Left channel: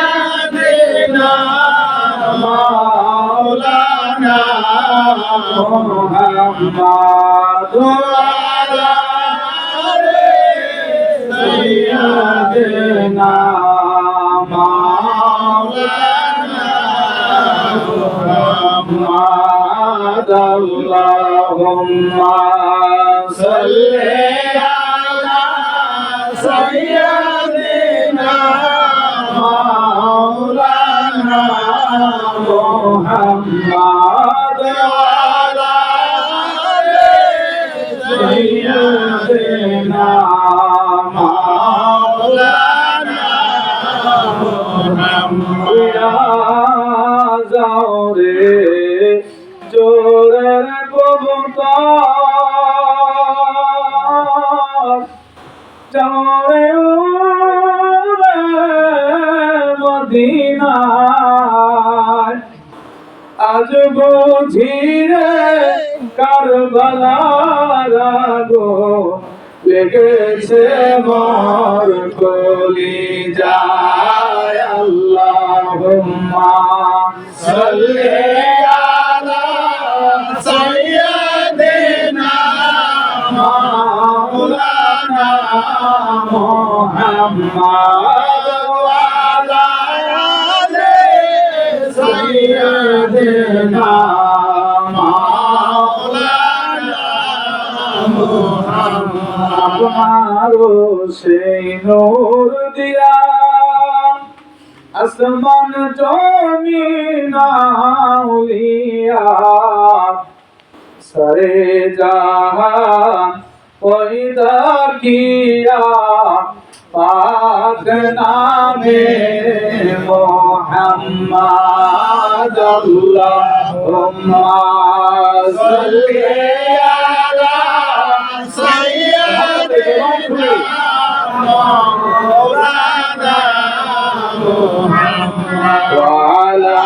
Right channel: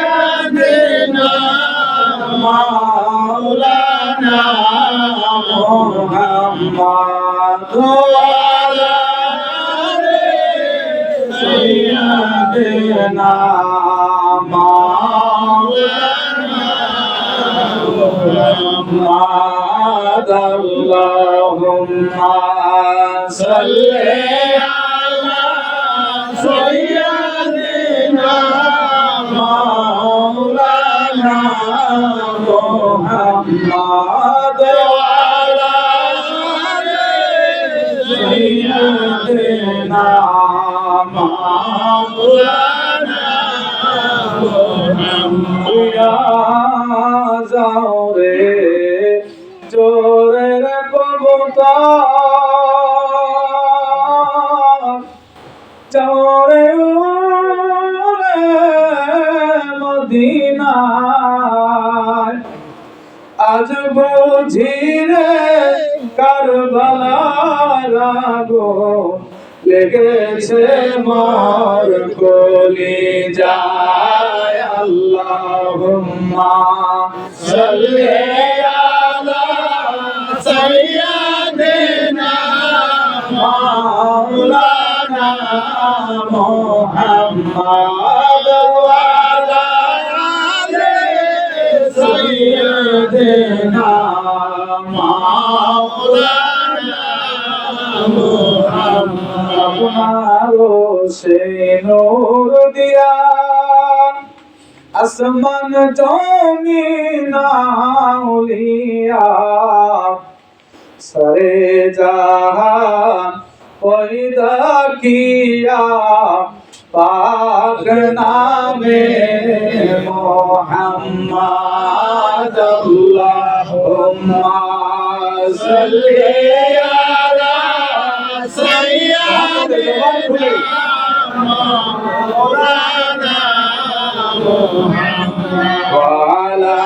سيدنا مولانا محمد وعلى سيدنا مولانا محمد اللهم صل على سيدنا مولانا محمد وعلى سيدنا مولانا محمد যাওরে চোরের কবুতর চোরে উড়ে মদিনায় আজ বুঝি রে কারবালার আগুন লেগেছে মোর কলিজায় আল্লাহুম্মা সাল্লি আলা সাইয়্যিদিনা মাওলানা মুহাম্মদ ওয়া আলা আলি সাইয়্যিদিনা মাওলানা মুহাম্মদ আপনারো সেই নূর দিয়া আসমান জমিন আউলিয়া সারে জাহান পয়দা কিয়া পাক নামে মুহাম্মদ আল্লাহুম্মা সাল্লি আলা সাইয়্যিদিনা মাওলানা وعلى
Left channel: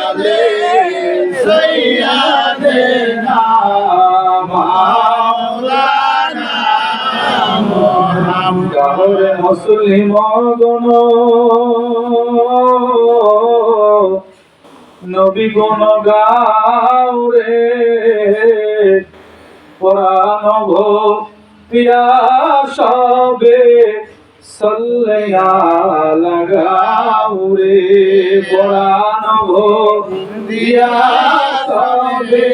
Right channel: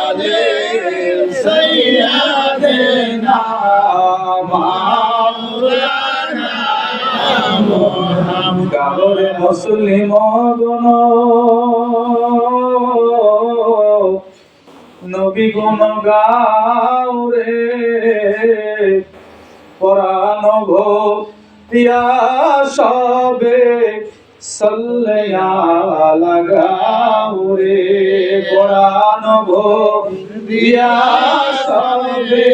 آل سيدنا مولانا محمد গাহরে মুসলিম গুণ নবী গুণ গাওরে পরাণ ভক্তিয়া সবে সল্লিয়া লাগাউরে পরাণ ভক্তিয়া সবে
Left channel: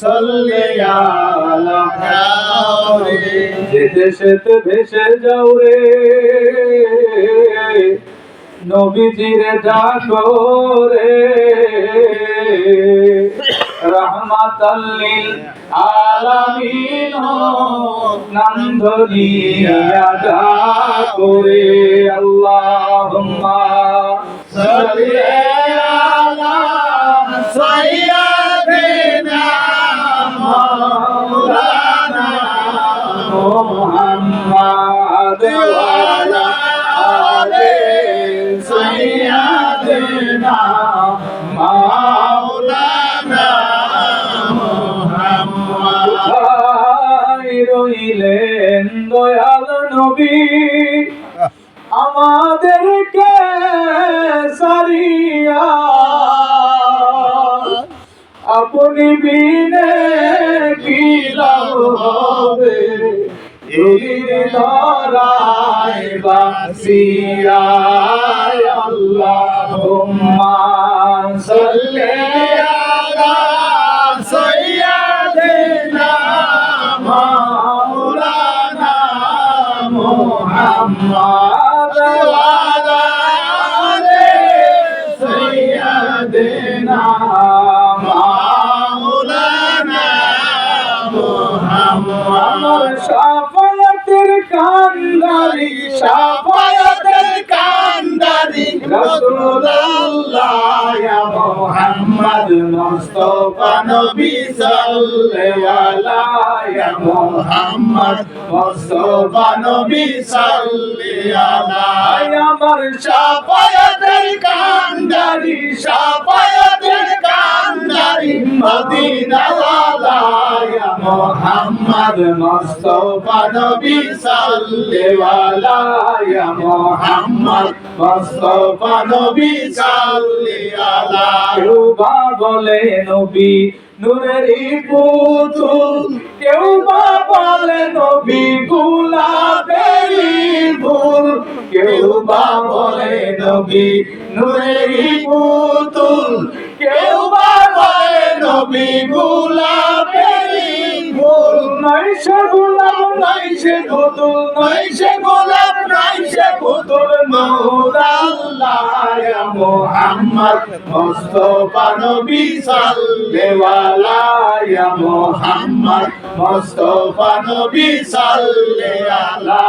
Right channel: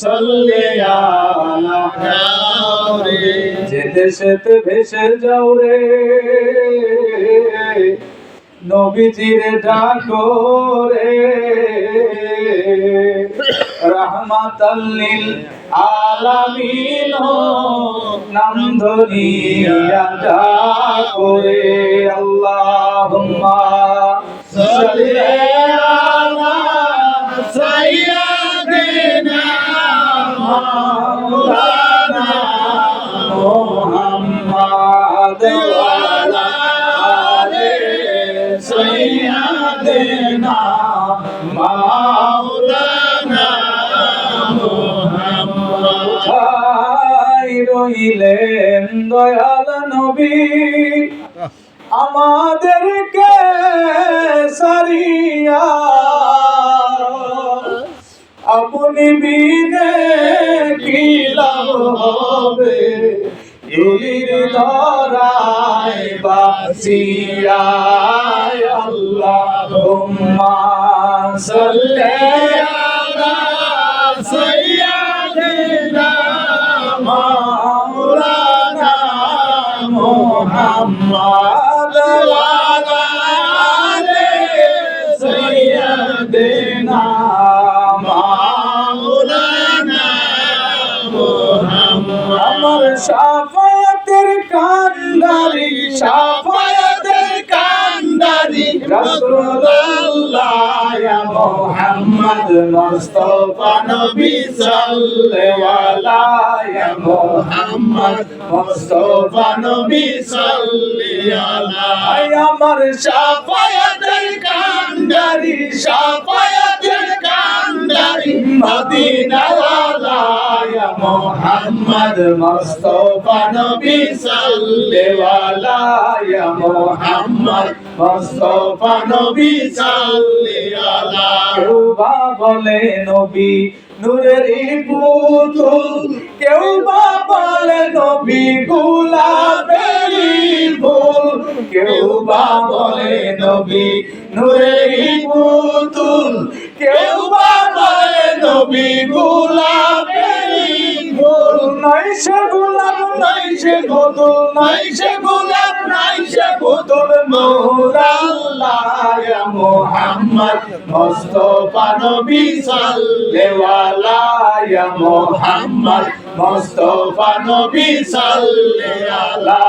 সল্লিয়া লাগাউরে যেতে সেতে ভেসে যাও রে নবীজির ডাকো রে রাহমাতাল লিল আলামিন নাম ধরিয়া ডাকো রে আল্লাহুম্মা সাল্লি আলা সাইয়্যিদিনা মাওলানা মুহাম্মদ ওয়া আলা আলি সাইয়্যিদিনা মাওলানা মুহাম্মদ কোথায় রইলেন দয়াল নবী আমাদেরকে সারিয়া আপনি বিনে কি লাভ হবে দুলির ধরায় বাসিয়া আল্লাহুম্মা সাল্লি আলা সাইয়্যিদিনা মাওলানা মুহাম্মদ ওয়া আলা আলি সাইয়্যিদিনা মাওলানা মুহাম্মদ আমার শাফায়াতের কান্ডারি শাফায়াতের কান্ডারি রাসূলুল্লাহ ইয়া মুহাম্মদ মুস্তাফা নবী সাল্লাল্লাহু ইয়া মুহাম্মদ মুস্তাফা নবী সাল্লাল্লাহু আমার শাফায়াতের কান্ডারি শাফায়াতের কান্ডারি মদিনা ওয়ালা ইয়া মোহাম্মদ মুস্তাফা নবী সাল্লেওয়ালা ইয়া মোহাম্মদ মুস্তাফা নবী সাল্লেওয়ালা কেউ বা বলে নবী নূরের পুতুল কেউ বা বলে নবী গোলাপের ফুল কেউ বা বলে নবী নূরের পুতুল কেউ বা বলে নবী গোলাপের ফুল নাই সে গোলাপ নাই সে পুতুল নাই সে গোলাপ নাই সে পুতুল নূর আল্লাহ ইয়া মুহাম্মদ মুস্তাফা নবী সাল্লেওয়ালা ইয়া মুহাম্মদ মুস্তাফা নবী সাল্লেওয়ালা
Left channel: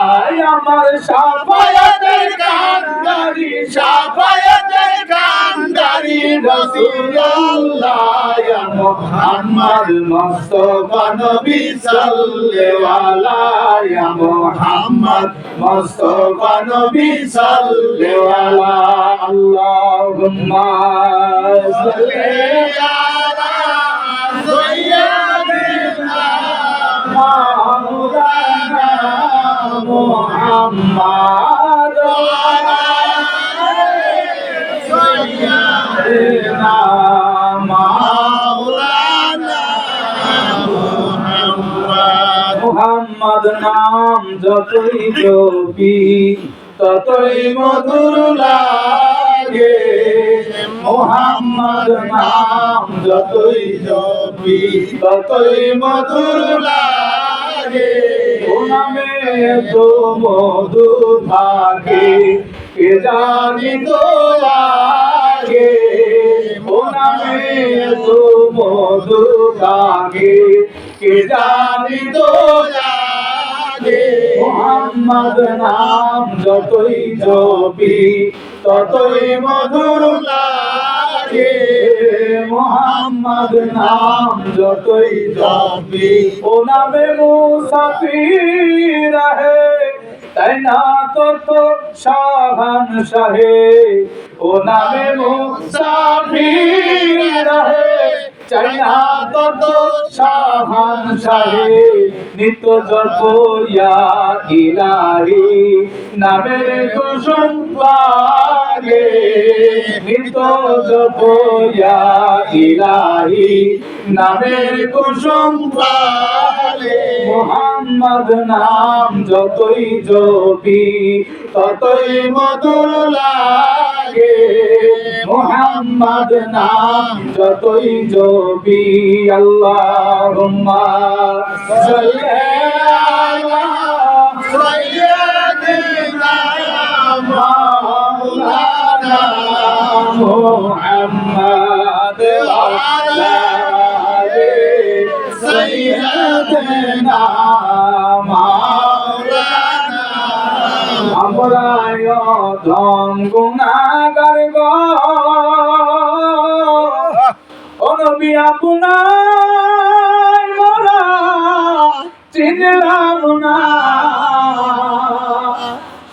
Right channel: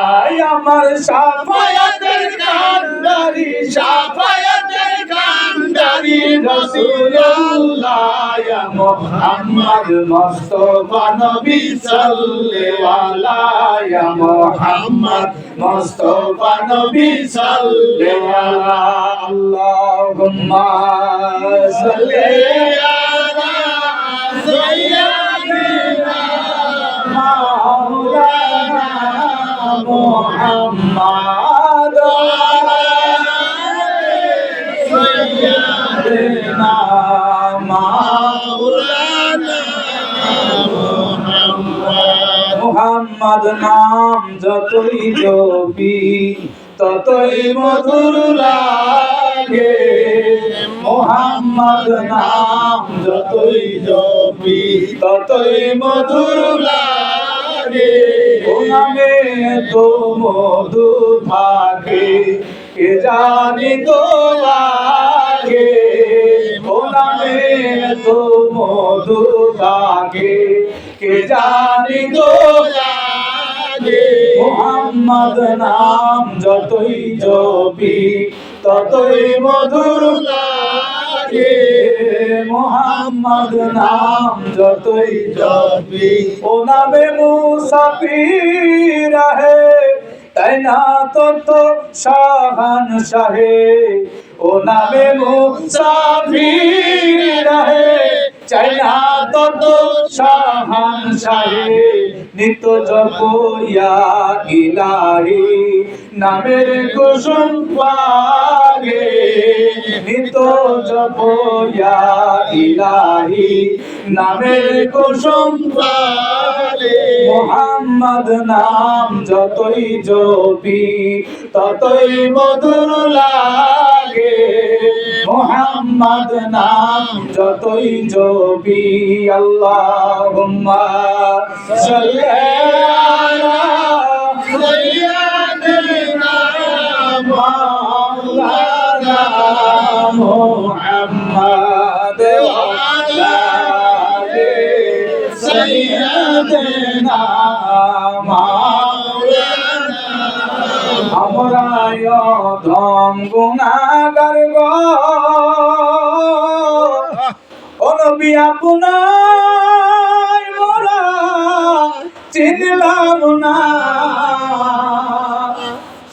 আমার শাফায়াতের কান্ডারি শাফায়াতের কান্ডারি রাসূলুল্লাহ ইয়া মুহাম্মদ মুস্তাফা নবী সাল্লেওয়ালা ইয়া মুহাম্মদ মুস্তাফা নবী সাল্লেওয়ালা আল্লাহুম্মা সাল্লি আলা সাইয়্যিদিনা মাওলানা মুহাম্মদ ওয়া আলি সাইয়্যিদিনা মাওলানা মুহাম্মদ নাম যতই জপি ততই মধুর লাগে মুহাম্মদ নাম যতই জপি ততই মধুর লাগে ও নামে তো মধু থাকে কে জানি তো আগে ও নামে তো মধু থাকে কে জানি তো আগে মুহাম্মদ নাম যতই জপি ততই মধুর লাগে মুহাম্মদ নাম যতই জপি ও নামে মুসাফির রহে তাই না তো শাহান শাহে ও নামে মুসাফির রহে চাই না তো শাহান শাহে নিত জপ ইয়া ইলাহি নামের কুসুম লাগে নিত জপ ইয়া ইলাহি নামের কুসুম লাগে মুহাম্মদ নাম যতই জপি ততই মধুর লাগে মুহাম্মদ নাম যতই জপি আল্লাহুম্মা সাল্লি আলা সাইয়্যিদিনা মাওলানা মুহাম্মদ ওয়া আলা আলি সাইয়্যিদিনা মাওলানা আমরা ধম গুনাহগার গো ও নবী আপনার মোরা চিনলাম না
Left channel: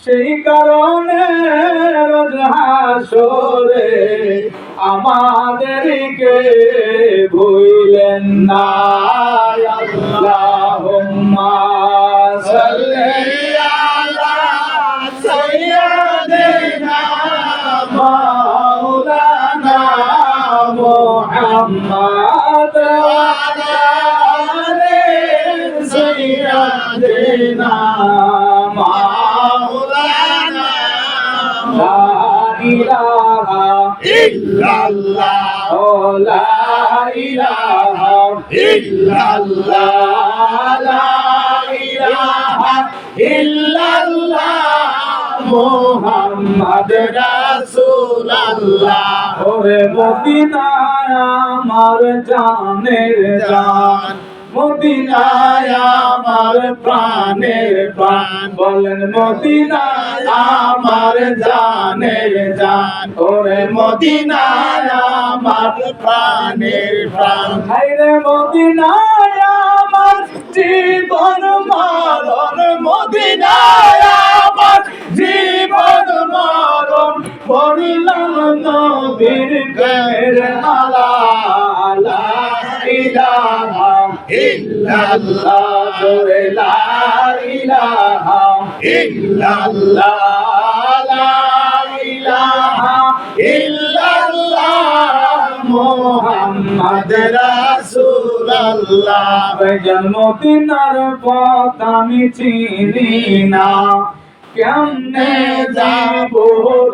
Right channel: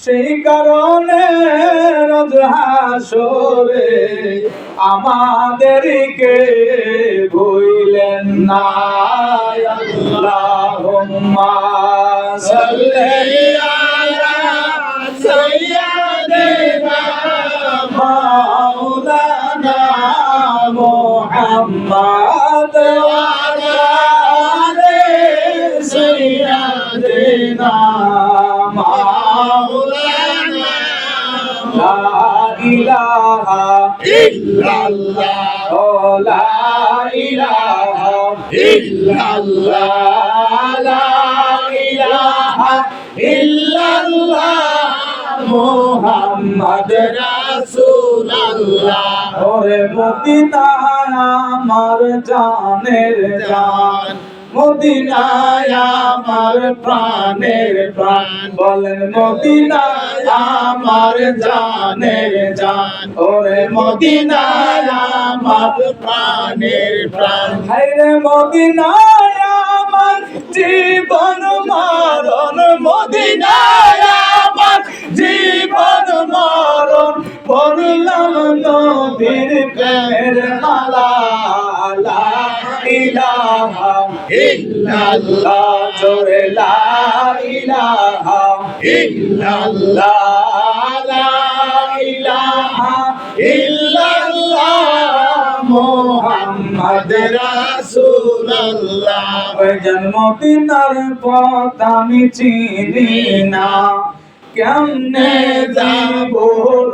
সেই কারণে রোজ হাসরে আমাদেরকে ভুলেন না আল্লাহুম্মা সাল্লি আলা সাইয়্যিদিনা মাওলানা মুহাম্মদ ওয়া আলা আলি সাইয়্যিদিনা মাওলানা লা ইলাহা ইল্লাল্লাহ লা ইলাহা ইল্লাল্লাহ লা ইলাহা ইল্লাল্লাহ মুহাম্মদ রাসূলুল্লাহ ওরে মদিনায় আমার জানের জান মদিনায় আমার প্রাণের প্রাণ বলেন মদিনায় আমার জানের জান ওরে মদিনায় আমার প্রাণের প্রাণ হায়রে মদিনায় আমার জীবন মরণ মদিনায় আমার জীবন মরণ পড়লাম নবীর প্রেমের মালা লা ইলাহা ইল্লাল্লাহ জোরে লা ইলাহা ইল্লাল্লাহ লা ইলাহা ইল্লাল্লাহ মুহাম্মদ রাসূলুল্লাহ জন্মদিনের পথ আমি চিনি না কেমনে যাব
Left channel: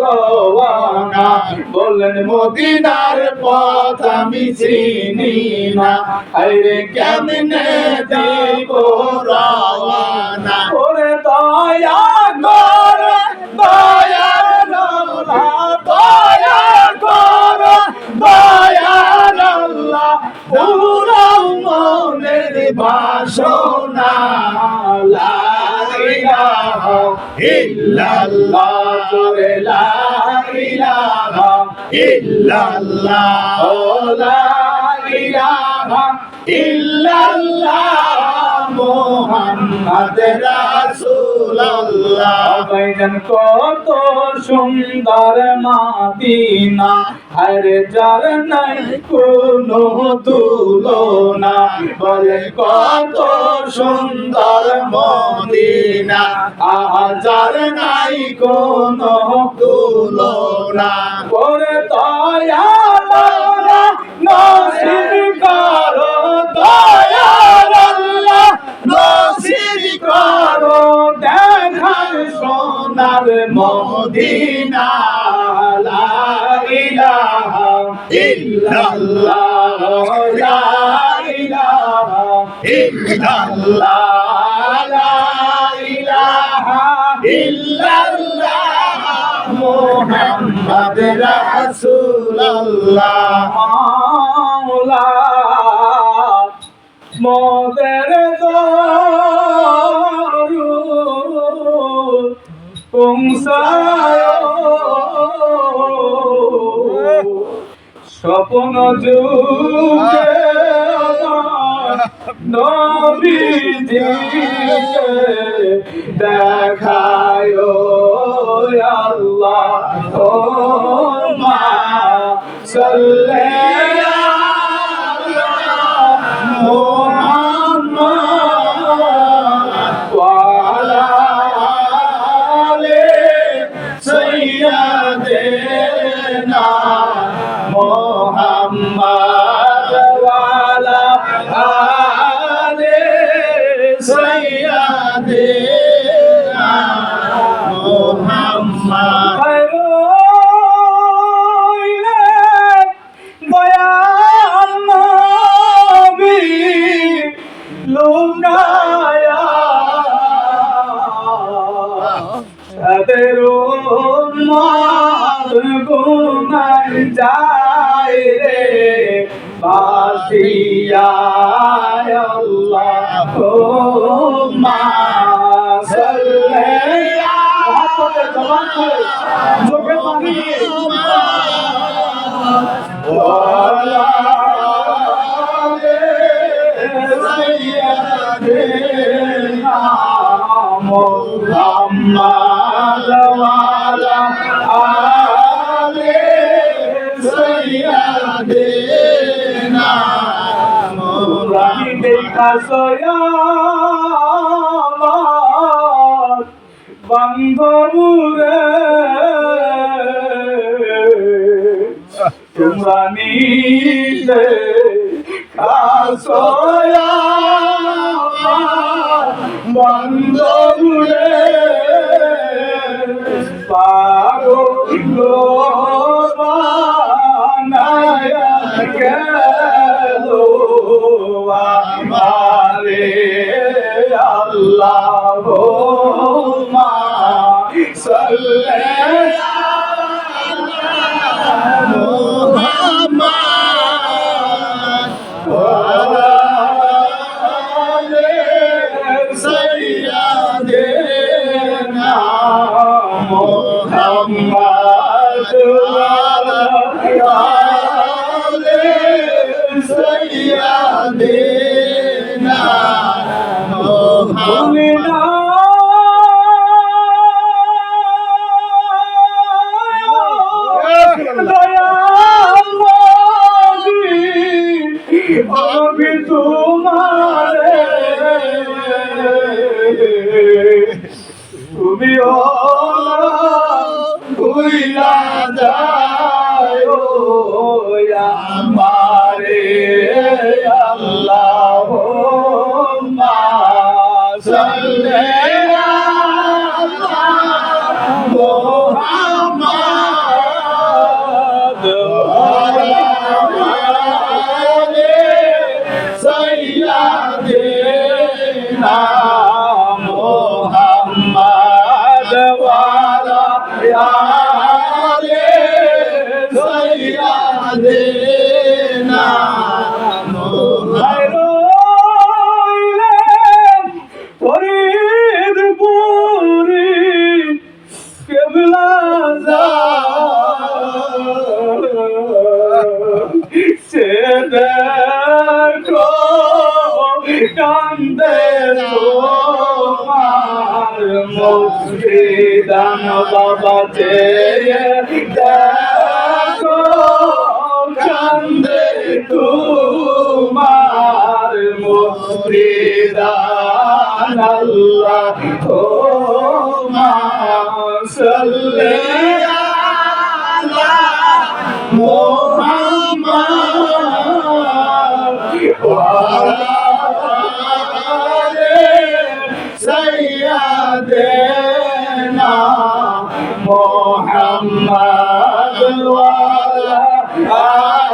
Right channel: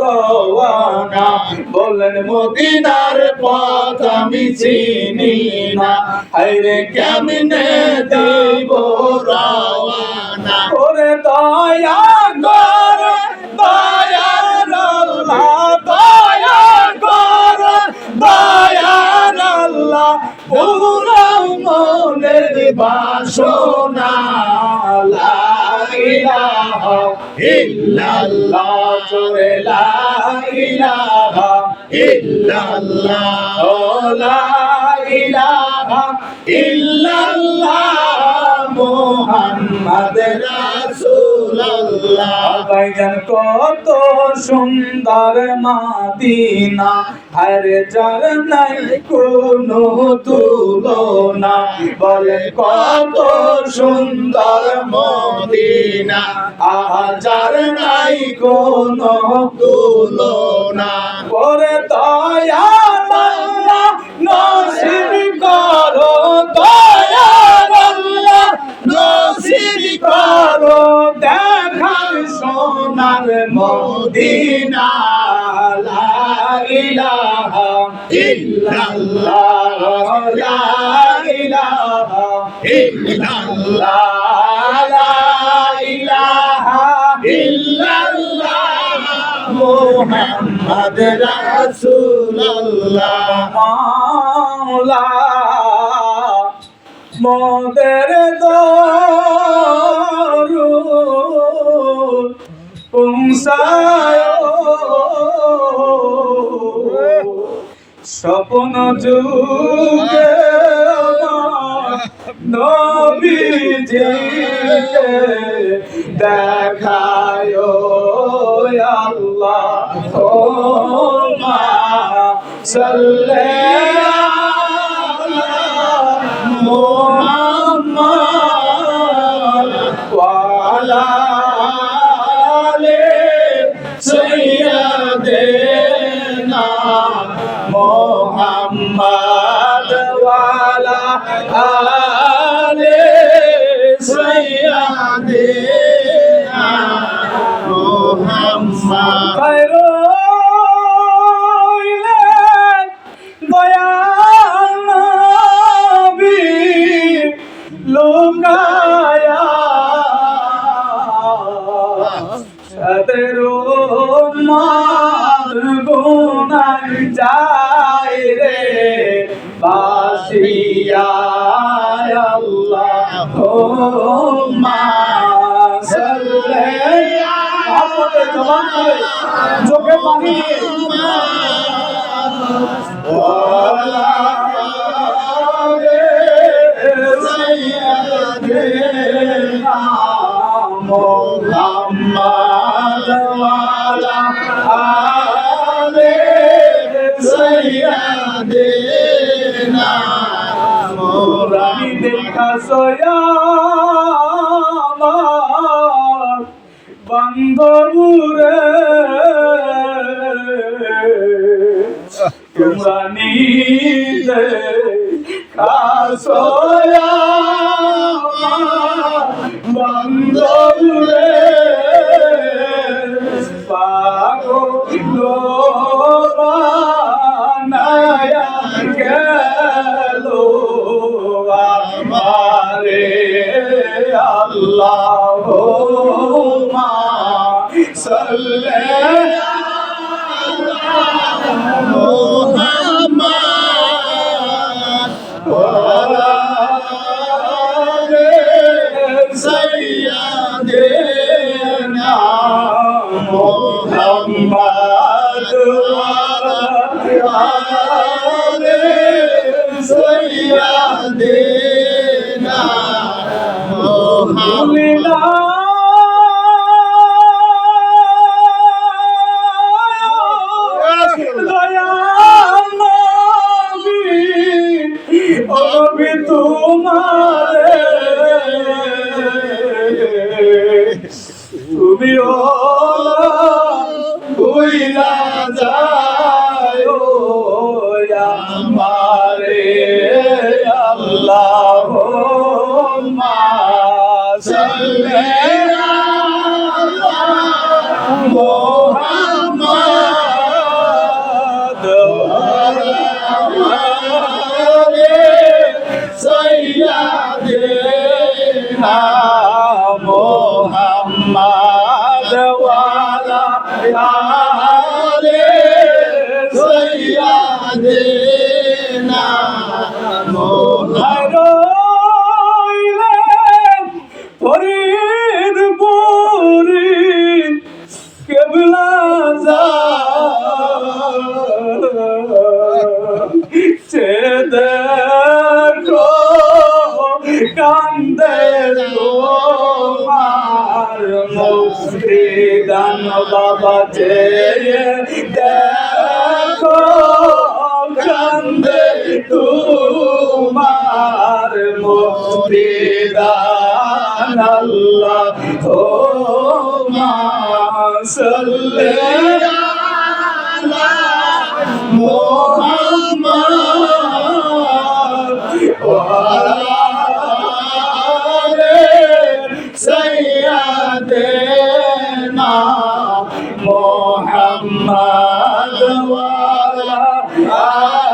রওয়ানা বলেন মদিনার পথ আমি চিনি না আরে কেমনে দেব রওয়ানা ওরে দয়া কর দয়ার আল্লাহ দয়া কর দয়ার আল্লাহ পুরাও মনের বাসনা লা ইলাহা ইল্লাল্লাহ জোরে লা ইলাহা ইল্লাল্লাহ ও লা ইলাহা ইল্লাল্লাহ মুহাম্মদ রাসূলুল্লাহ ভাইজান কত সুন্দর মদিনা আর যার নাই কোনো তুলনা বলে কত সুন্দর মদিনা যার নাই কোনো তুলনা করে দয়াল আল্লাহ নসিব করো দয়াল আল্লাহ নসিব করো দেখার সোনার মদিনা লা ইলাহা ইল্লাল্লাহ লা ইলাহা ইল্লাল্লাহ লা ইলাহা ইল্লাল্লাহ মুহাম্মদ রাসূলুল্লাহ মাওলা মোদের দরুদ পৌঁছায় স্বপ্ন যুগে নবীজিকে দেখায় আল্লাহ ও মা সাল্লি মুহাম্মদ ওয়া আলা আলি সাইয়্যিদিনা মুহাম্মদ ওয়া আলা আলি সাইয়্যিদিনা মুহাম্মদ গুনাহ যায় রে বাসিয়া আল্লাহুম্মা সাল্লি মোহাম্মদের জবান খুলে চোখে পানি দিয়ে ওয়ালা সাইয়্যিদিনা মুহাম্মদ ওয়ালা আলি সাইয়্যিদিনা মুরানি দেখা সয়ামার বান্দরুরে তোমরা নিতে কাসয়ামার বান্দরুরে পাগল বানায়া গেল আমারে আল্লাহুম্মা সাল্লি আলা মুহাম্মদ ওয়া আলা আলি সাইয়্যিদিনা মুহাম্মদ ওয়া আলা আলি সাইয়্যিদিনা মুহাম্মদ দয়াল নবী তোমার দিও ভুইলা যায় আমারে আল্লাহুম্মা সাল্লি আলা মুহাম্মাদ ওয়া আলি সাইয়্যিদিনা মুহাম্মাদ ওয়া আলি সাইয়্যিদিনা ফরিদপুরি কেবলা সে দেখো কান্দে তোমার মুর্শিদান বাবা চেয়ে দেখো কান্দে তোমার মুর্শিদান আল্লাহুম্মা সাল্লি আলা মুহাম্মাদ ওয়া আলি সাইয়্যিদিনা মুহাম্মাদ ওয়া আলি